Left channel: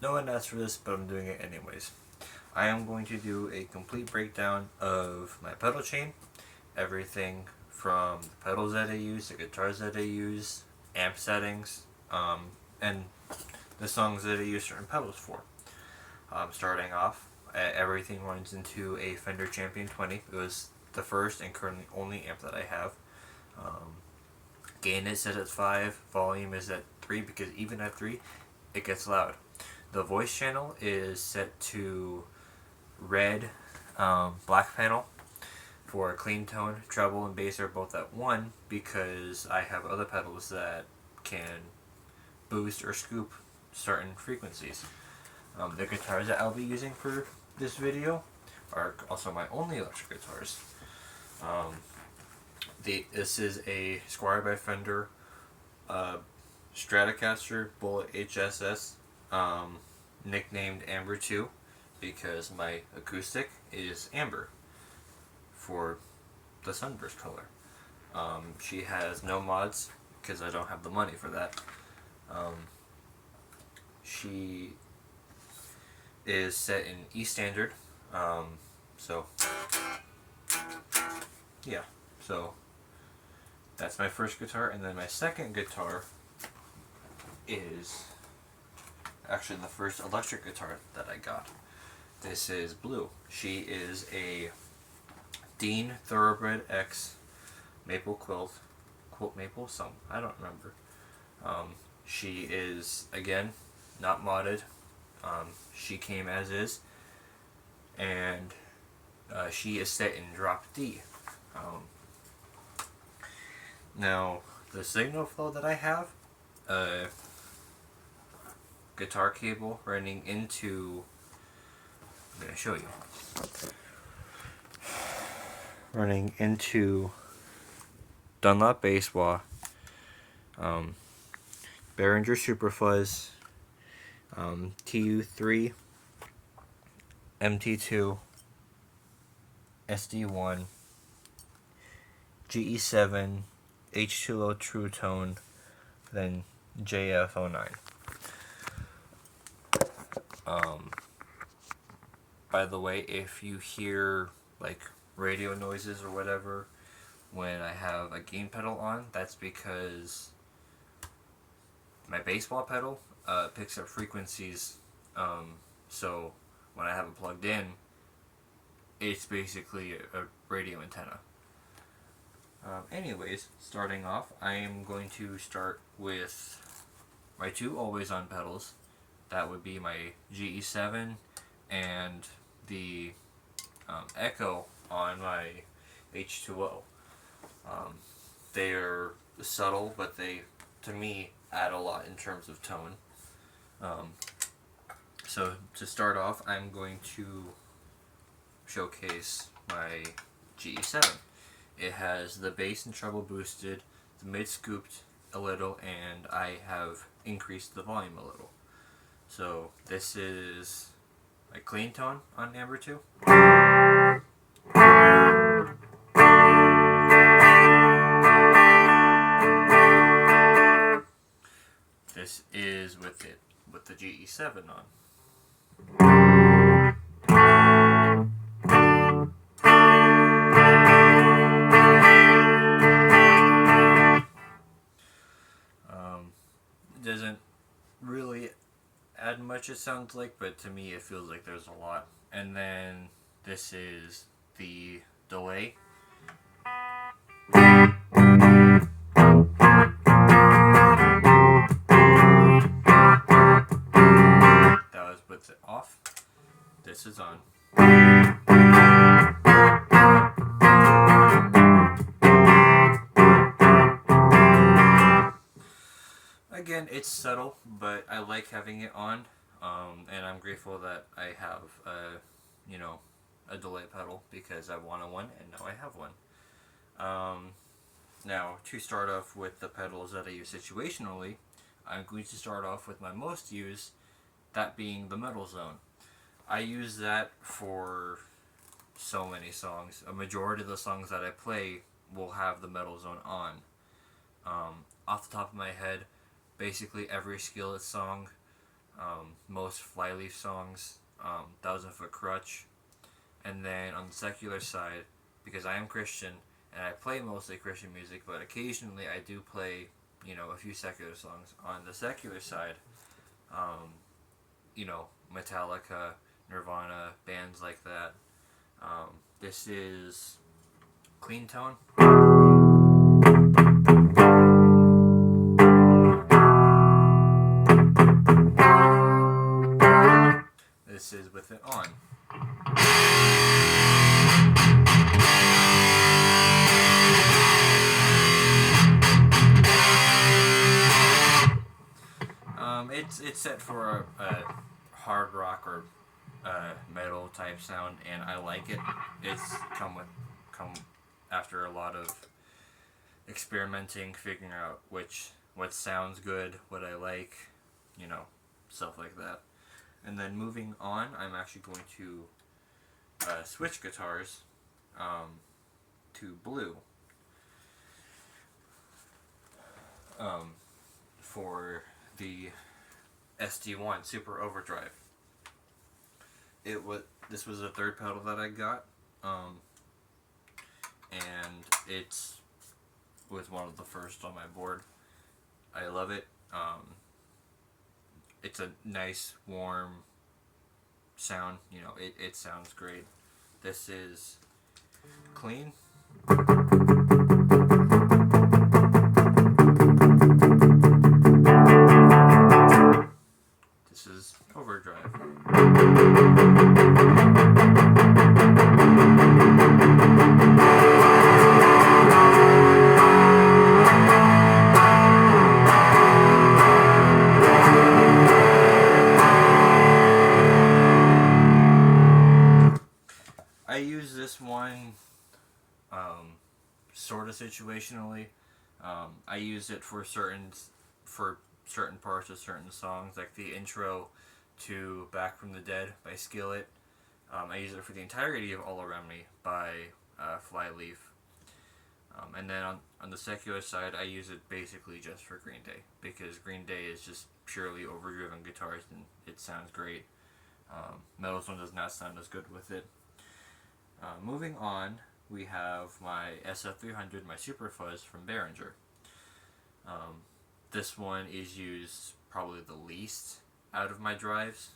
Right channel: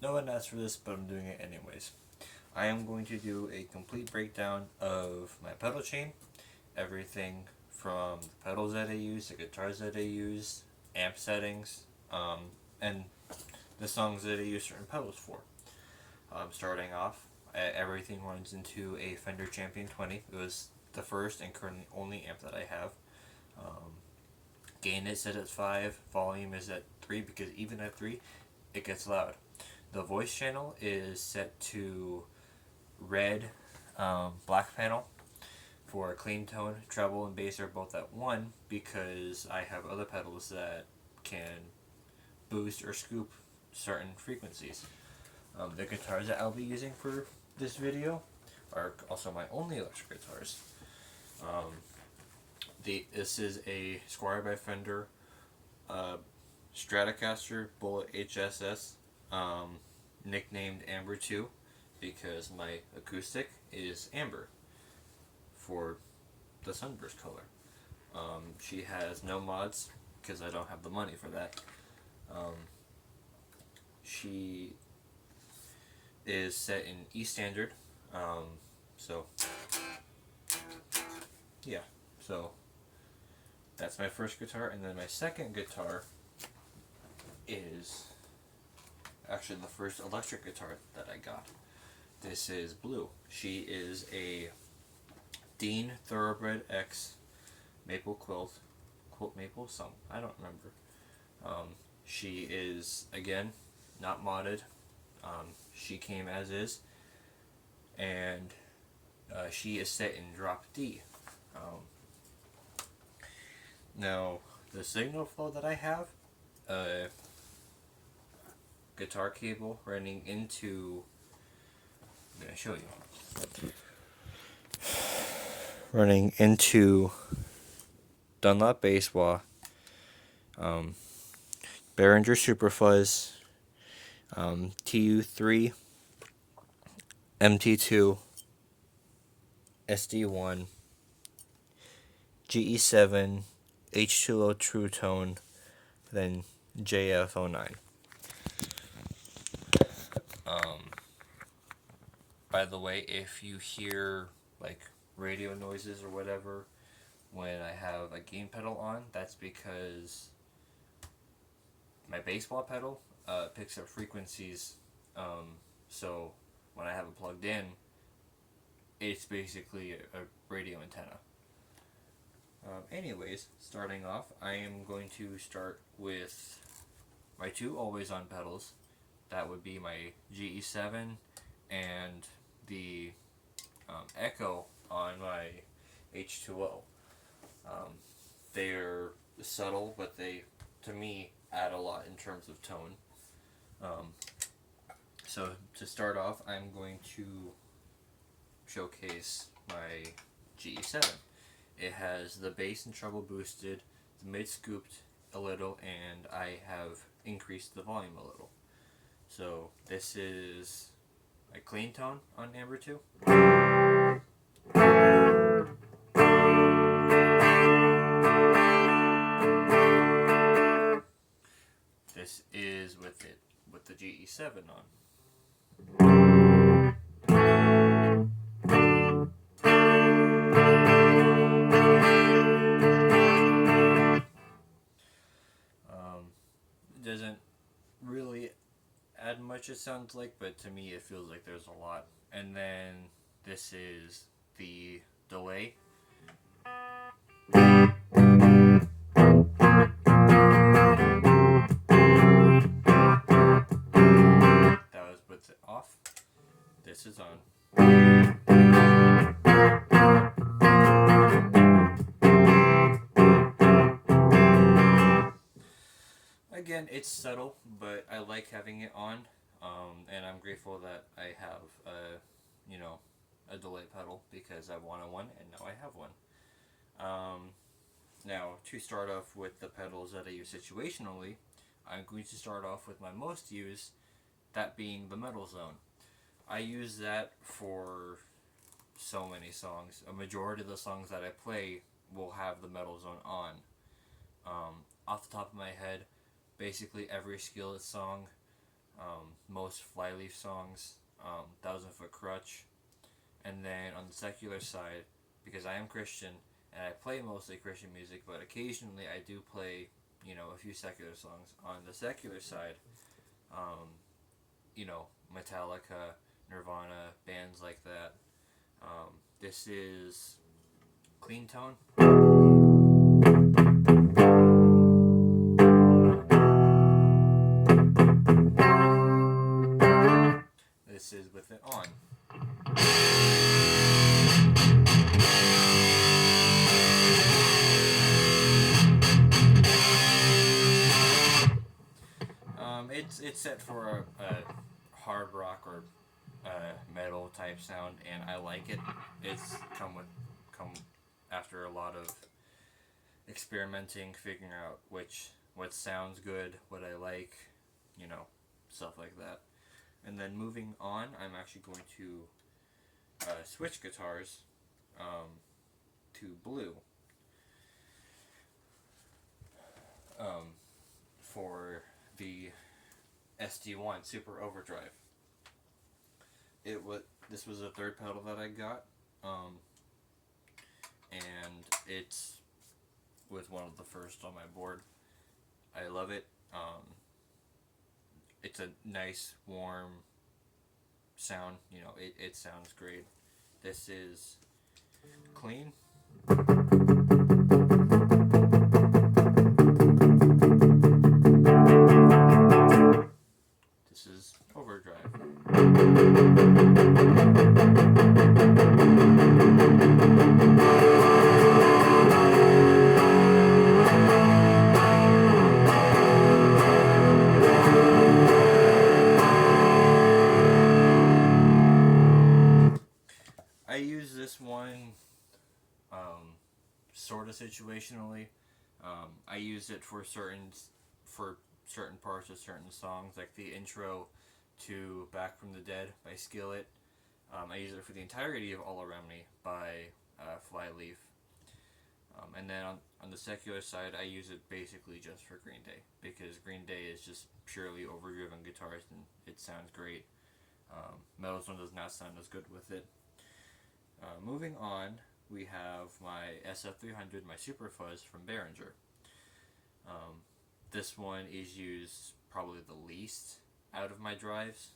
No one asked for this, but I'm doing it anyways. I am going to do a complete breakdown of my pedal chain, everything from the pedals that I use, the guitars that I use, amp settings, and the songs that I use certain pedals for. Starting off, everything runs into a Fender Champion 20. It was the first and currently only amp that I have. Um, Gain is set at 5, volume is at 3 because even at 3, it gets loud. The voice channel is set to red, black panel for clean tone. Treble and bass are both at 1 because I have other pedals that can boost or scoop certain frequencies. The guitars that I'll be using for this video are also my only electric guitars. Um, this is a Squier by Fender uh, Stratocaster Bullet HSS, nicknamed Amber 2 because my acoustic is amber for the sunburst color. She has no mods because I don't have the money for that. Um, she is set in E standard. So yeah, so that's my first guitar, and then my second guitar is actually the first electric guitar that I got. This is Blue. She is a Dean Thoroughbred X maple quilt maple, some I don't remember. She is again not modded. She came as is, and she is set in drop D. Um, Now the signal flow that I have, guitar cable running into. I'm gonna show you. Running into Dunlop bass wah, Behringer Superfuzz, TU3, MT2, SD1, GE7, H2O True Tone, then JF09. By the way, if you hear like radio noises or whatever when I have a gain pedal on, that's because my bass wah pedal picks up frequencies. So when I have it plugged in, it's basically a radio antenna. Anyways, starting off, I am going to start with my two always on pedals. That would be my GE7 and the Echo on my H2O. They are subtle, but they, to me, add a lot in terms of tone. Um, so to start off, I'm going to showcase my GE7. It has the bass and treble boosted, the mid scooped a little, and I have increased the volume a little. So this is my clean tone on Amber 2. This is with the GE7 on. It doesn't really add much, it sounds like, but to me it feels like there's a lot. And then this is the delay. That was with it off. This is on. Again, it's subtle, but I like having it on, and I'm grateful that I have, you know, a delay pedal because I wanted one, and now I have one. Um, Now, to start off with the pedals that I use situationally, I'm going to start off with my most used, that being the Metal Zone. I use that for so many songs. A majority of the songs that I play will have the Metal Zone on. Off the top of my head, basically every Skillet song, most Flyleaf songs, Thousand Foot Crutch, and then on the secular side, because I am Christian and I play mostly Christian music, but occasionally I do play, a few secular songs. On the secular side, um, Metallica, Nirvana, bands like that. This is Clean Tone. This is With It On. It's set for a hard rock or metal type sound, and I like it. It's come after a lot of experimenting, figuring out what sounds good, what I like, stuff like that. And then moving on, I'm actually going to switch guitars to blue for the SD1 Super Overdrive. This was the third pedal that I got, and it was one of the first on my board. I love it. It's a nice, warm sound. It sounds great. This is Clean. This is Overdrive. I use this one sort of situationally. I use it for certain parts of certain songs, like the intro to Back from the Dead by Skillet. I use it for the entirety of All Around Me by Flyleaf. And then on the secular side, I use it basically just for Green Day, because Green Day is just purely overdriven guitars and it sounds great. Metal Zone does not sound as good with it. Moving on, we have my SF300, my Super Fuzz from Behringer. This one is used probably the least out of my drives.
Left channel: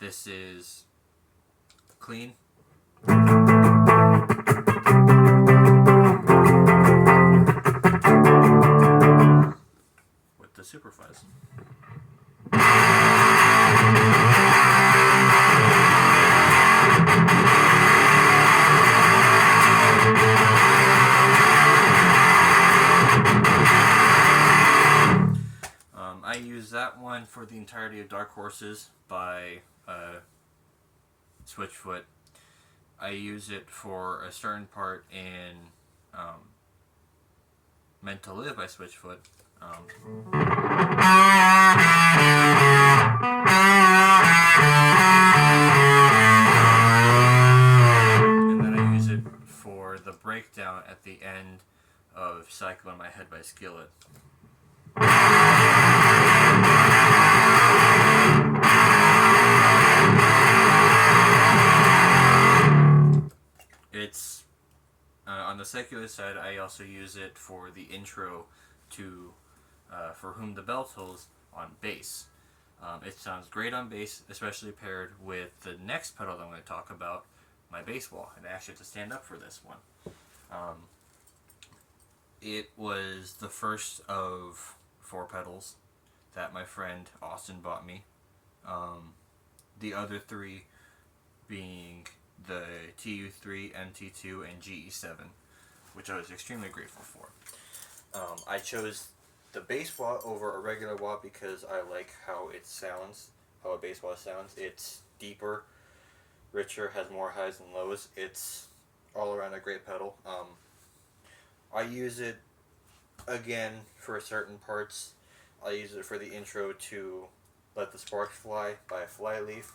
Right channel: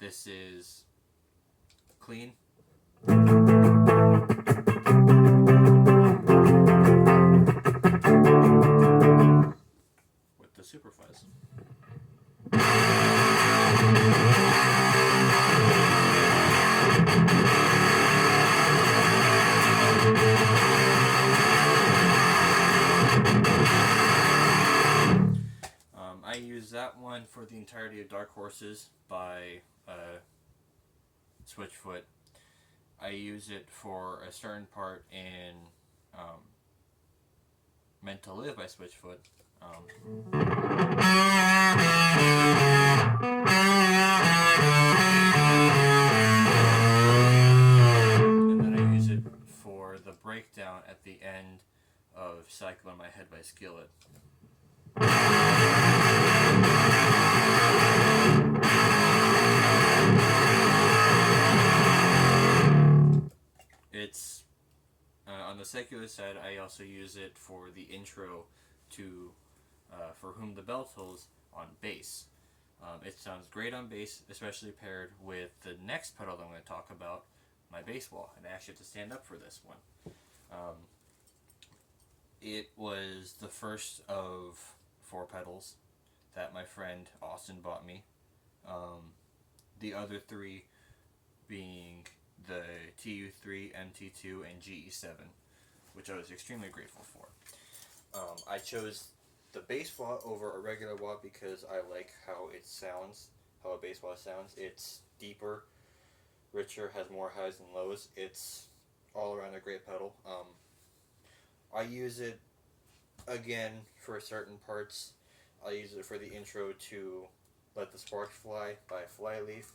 This is Clean. With the Super Fuzz. I use that one for the entirety of Dark Horses by Switchfoot. I use it for a certain part in Meant to Live by Switchfoot. And then I use it for the breakdown at the end of Cycle in My Head by Skillet. It's on the secular side. I also use it for the intro to For Whom the Bell Tolls on bass. It sounds great on bass, especially paired with the next pedal that I'm going to talk about, my bass wall. And I actually have to stand up for this one. It was the first of 4 pedals that my friend Austin bought me. The other 3 being the TU3, MT2, and GE7, which I was extremely grateful for. I chose the bass wah over a regular wah because I like how it sounds, how a bass wah sounds. It's deeper, richer, has more highs and lows. It's all around a great pedal. I use it, again, for certain parts. I use it for the intro to Let the Sparks Fly by Flyleaf.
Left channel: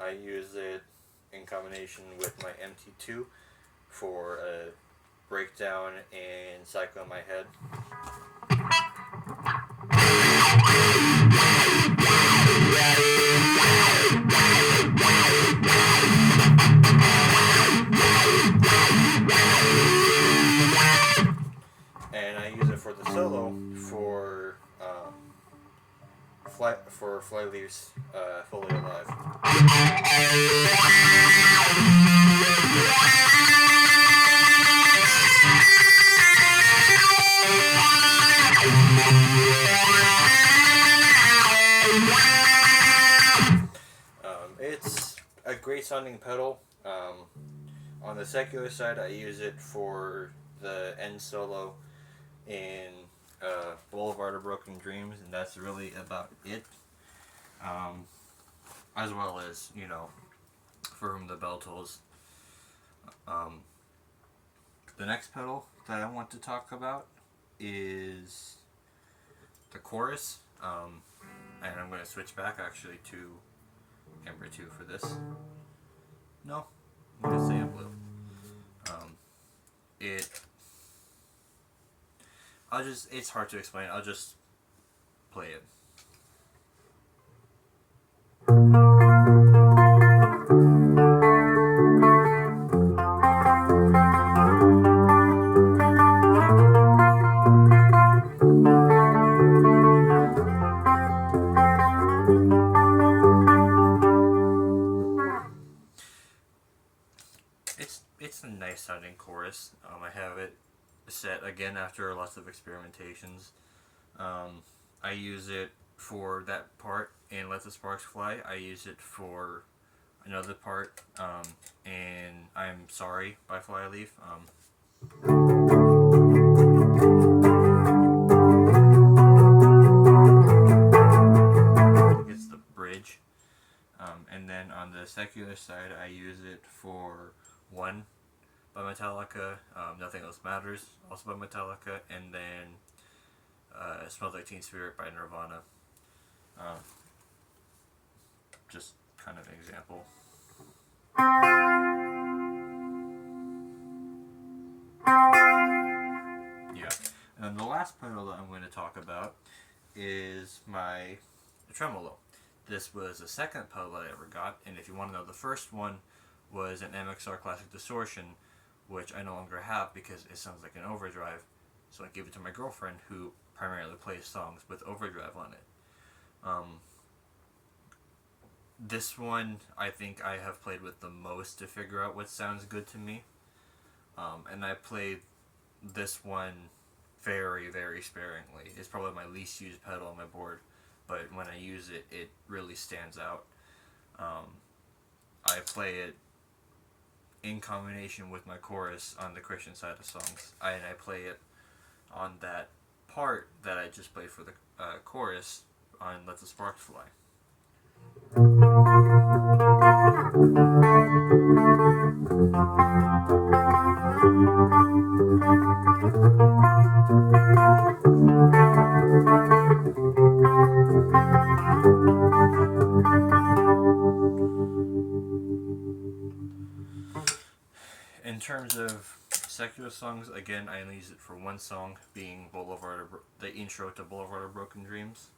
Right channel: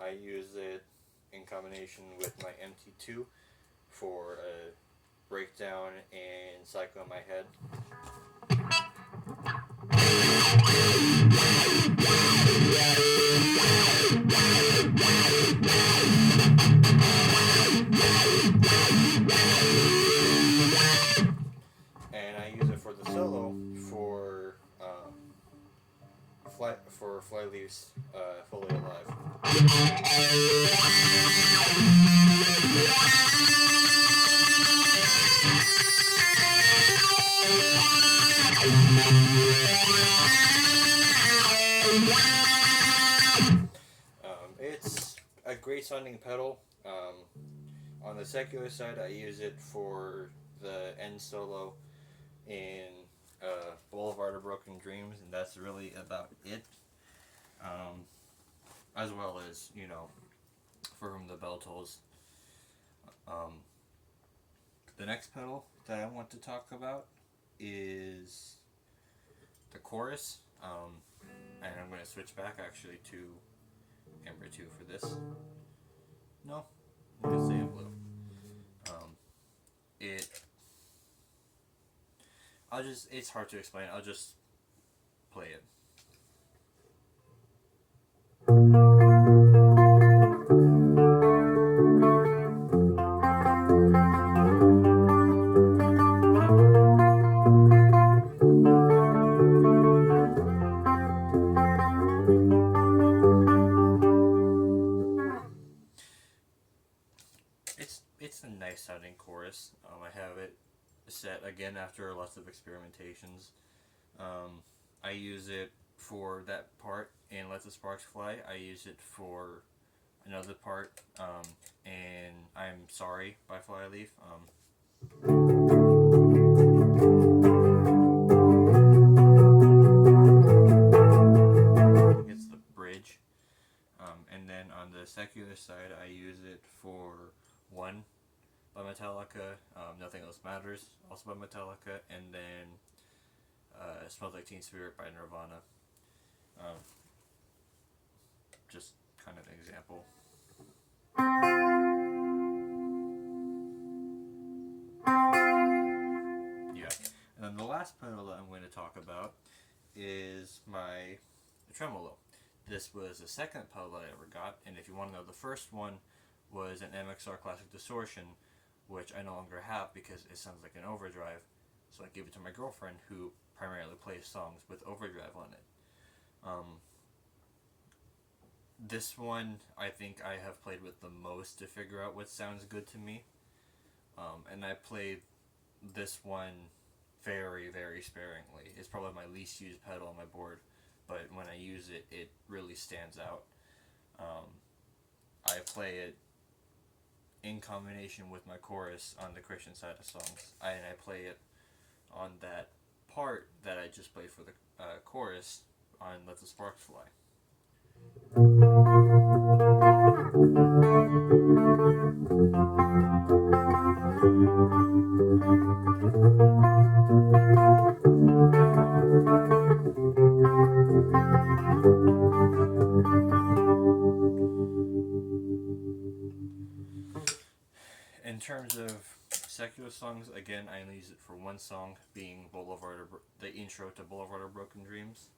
I use it in combination with my MT2 for a breakdown and cycle in my head. And I use it for the solo for Flyleaf's Fully Alive. It's a great sounding pedal. On the secular side, I use it for the end solo in Boulevard of Broken Dreams, and that's really about it. As well as, you know, For Whom the Bell Tolls. The next pedal that I want to talk about is the chorus. And I'm going to switch back actually to Ember 2 for this. No, I'm going to say I'm blue. It's hard to explain. I'll just play it. It's a nice sounding chorus. I have it set again after lots of experimentations. I use it for that part in Let the Sparks Fly. I use it for another part in I'm Sorry by Flyleaf. It's the bridge. And then on the secular side, I use it for One by Metallica, Nothing Else Matters, also by Metallica, and then Smells Like Teen Spirit by Nirvana. Just kind of an example. Yeah. And then the last pedal that I'm going to talk about is my tremolo. This was the second pedal that I ever got, and if you want to know, the first one was an MXR Classic Distortion, which I no longer have because it sounds like an overdrive, so I gave it to my girlfriend, who primarily plays songs with overdrive on it. This one, I think I have played with the most to figure out what sounds good to me, and I played this one very, very sparingly. It's probably my least used pedal on my board, but when I use it, it really stands out. I play it in combination with my chorus on the Christian side of songs, and I play it on that part that I just played for the chorus on Let the Sparks Fly. In terms of secular songs, again, I only use it for one song, being the intro to Boulevard of Broken Dreams.